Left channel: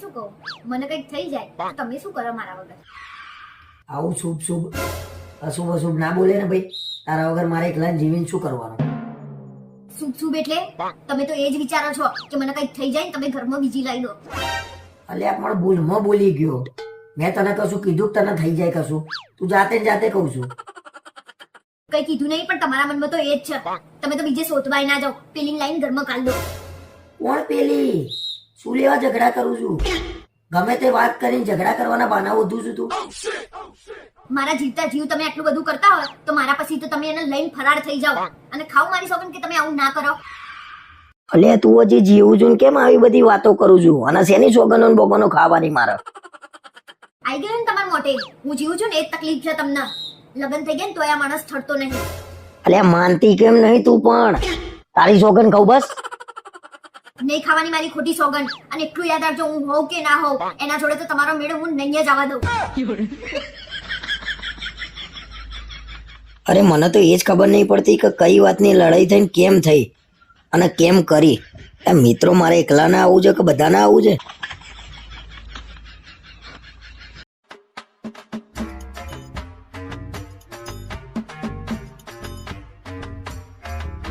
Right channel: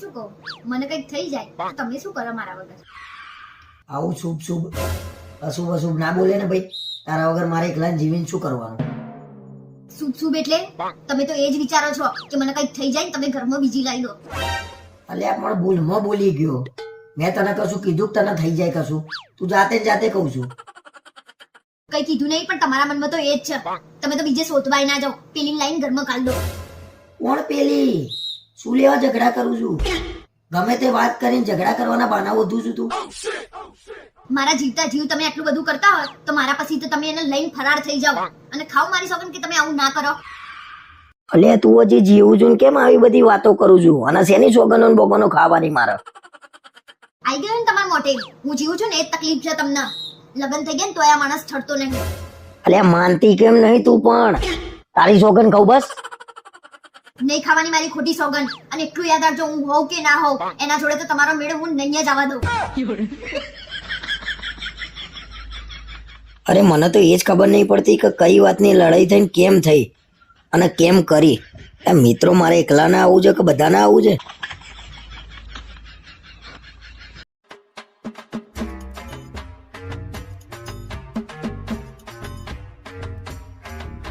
શું કહું? મને કંઈક થઈ જાય તો તમે શું કરો મારા વગર? આવું શુભ શુભ. અશુભ અશુભ ના બોલે ને ભાઈ. તારા વગર મારે એકલા જીવીને શું કરવાનું? શુભ શુભ એટલે તમે તો એ જ વિચારો છો કે મને કંઈક થઈ જાય તમે ઘરમાં બીજી લઈ લો. અલ્યા પણ ભૂલમાં બોલી ગયો. મેં તને કશું કીધું તને થઈ જાય કશું? તું જાતે જાતે કહું છું. કઈ કીધું નહીં પણ તમારા મનમાં તો એ જ છે. તમે તો બીજે શોધવાય ના જાઓ. પેલી લાઈન ઘરમાં કાઢ દો કોણ પેલી? શું લેવા ઝઘડા કરું છું? ગમે તે વાત કરીને ઝઘડા કરવાના બહાના વધુ છું તું. મારા જીવતા જીવ તમે આટલું બધું કરતા હોય તો મારા પછી તો તમે એને લઈને ફરાર થઈ જાઓ. અને ખાવ મારી સોગન કે તમે આવું ના કરો. અલે તું હજી જીવું છું કેમ આવી બધી વાતો કરું છું? અને શેની સોગનો બોગનો ખાવાની મારે? આવી ગયું ને તમારા મોટે હું જીવું છું ને એ તકલીફ છે તમને. લગન થઈ ગયા ને તો આ માણસ ઠરતો નહીં. અલે માનતી કેમ નહીં તું પણ? તારી સોગન કહું બસ. નહીં ખાવાની મારી ખોટી સોગન અને એટલું યાદ રાખજો, હું હોઉં કે ના હોઉં, એના જોડે તો તમારો મેળો હું નહીં જ આવવા દઉં. અરે, મને તો એ જ ખબર નહીં પડતી કે કઈ વાતની લડાઈ થઈને કેમ થઈ અને કેમ કરી. મિત્રો મારે એકલાને આવવું છે કે બધાને આવું છે?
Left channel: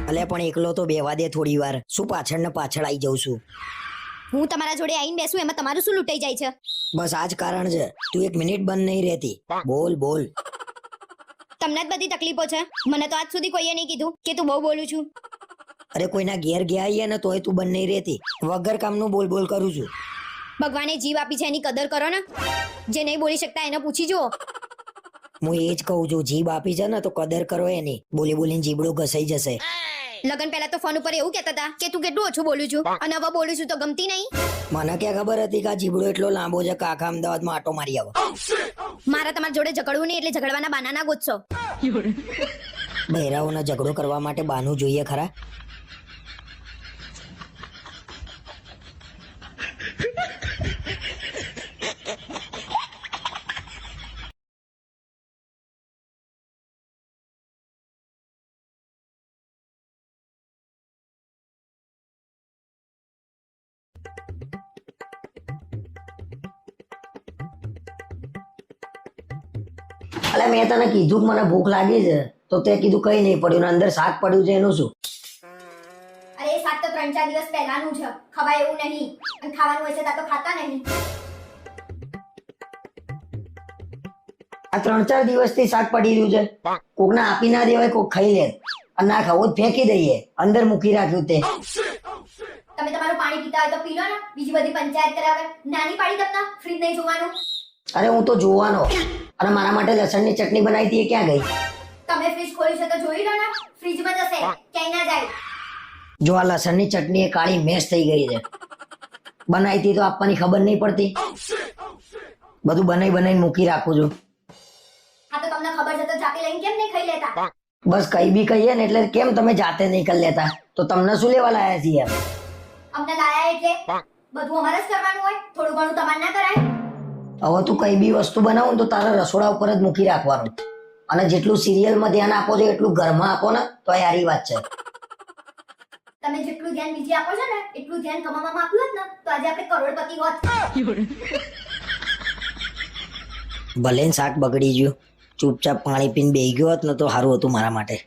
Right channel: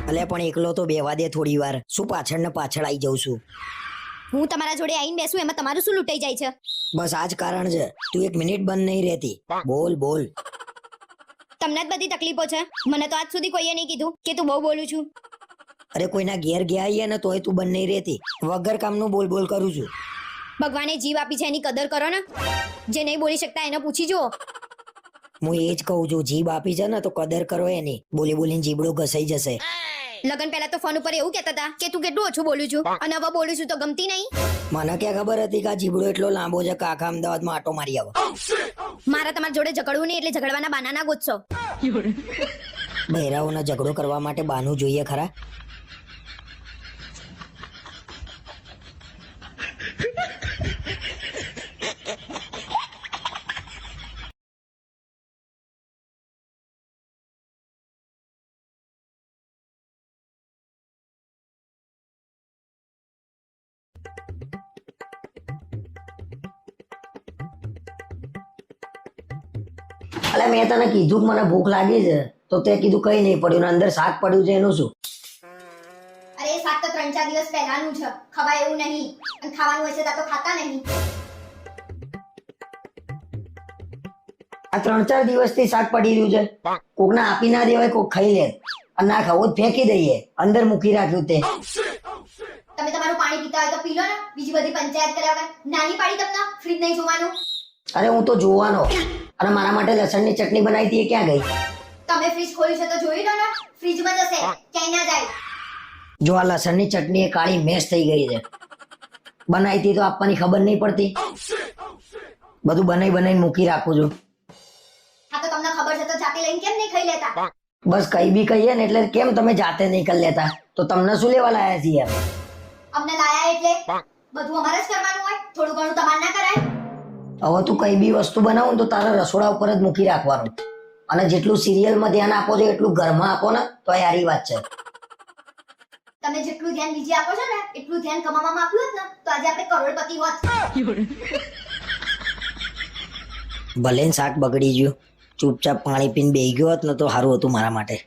અલે પણ એકલો તો બેવા દે થોડી વાર. શું પાછળ ને પાછળ આવી જાઉં છું? હું તમારા જોડે આવીને બેસું એમાં તમારું શું લૂંટાઈ જાય છે? બસ આ જ કારણ છે. તું એક મિનિટ બંધ નહીં રહેતી. બોલ બોલ. તમને જ બધી તકલીફો છે? મને તો આજ સુધી કોઈએ નહીં કીધું કે તું બહુ બોલું છું. અરે કોઈના ઘેર ગયા આવીએ ને તોય તું બંધ નહીં રહેતી. વગર કામનું બોલ બોલ કરું છું. ભગવાને જીવ આપી છે એની કદર કરો ને. જે નહીં બોલી શકતા એને પૂછી જુઓ. હું એ જ કહું છું જીભ આપી છે ને તો કદર કરો એની. બોલી બોલીને જીબડો ઘસાઈ જશે. લગન પહેલા તો ફોન ઉપર એવું કહેતા હતા કે તું કેટલું ઓછું બોલું છું અને હવે બોલું છું તો ગમતી નહીં? મને ક્યાં ખબર હતી કે આ જીબડો એટલો લાંબો છે કાકા અમદાવાદ અમદાવાદમાં આટો મારી આવો. મારા તમારા જોડે ઝઘડવું નહીં એટલે ઝઘડવાના બાના ના ગોતશો. બહેરાઓનો ઝઘડો કરવા માટે બાનું જોઈએ ખરા? અલે મેં તને કીધું કે મને ભૂખ લાગી છે તો તે કીધું કઈ નહીં પડ્યું ને અંદર શાક પડ્યું છે એનું શું? અરે એ શાક તો ત્રણ ચાર દિવસ પહેલાનું છે ખવાય એવું નહીં. અને ખાવાનું હોય છે તો ખાતા નહીં. આ ત્રણ ચાર દિવસથી શાક પડી રહ્યું છે. કોકને આપી ના દેવાય કોક ખાઈ લે. અને ના ખાવું જ ફેંકી દઈએ. અંદર મૂકી રાખ્યું તે. તમે તમારું પાણી પીતા હોય તો પી લો ને. બીજી બધી પંચાયત કરાવે. નાની પાડી તમને ફ્રીજ નહીં જોવાનું? અરે હું તો જોવાનો. અને મારા માટે લસણની ચટણી બનાવી હતી એ ક્યાં ગઈ? તમે ફ્રીજ ખોલ્યું છે તો જોઈ લો ને. ફ્રીજમાં જશે ક્યાંય ના જાય. જો આ લસણની ચટણી એ કાળી મેશ થઈ ગઈ છે. બનાવી હતી તો આપવાની ખબર નહીં પડતી. બધું બનાવી બનાવીને મૂકી રાખું છું. હા તો તમને ખબર છે તો જાતે લઈને કેમ નહીં ખાઈ લેતા? બસ કઈ બી કહીએ ને એટલે કેમ તમે જાતે નહીં કરી લેતા? તો તમને શું લેવા લાવ્યા છીએ? અમને લાયા એટલે? બધું અમારે જ કરવાનું હોય. થોડું ઘણું તમારે ના કરાય. હવે તું કઈ બી વસ્તુ બનાવું તો તારા રસોડા ઉપર જ મૂકી રાખવાનું. અને જેટલું સિરિયલમાં ધ્યાન આપો છો એટલું ઘરમાં આપો ને તો યારી વાત છે. તમે જેટલું ધ્યાન બીજે આપો છો ને એટલું ધ્યાન કમાવામાં આપ્યું હોત ને તો આજે આપણે કરોડપતિ હોત. ભલે શાક બગડી ગયું ચૂપચાપ પાણી પીને બેહી ગયો હોત ને તો સારું હતું મારા માટે.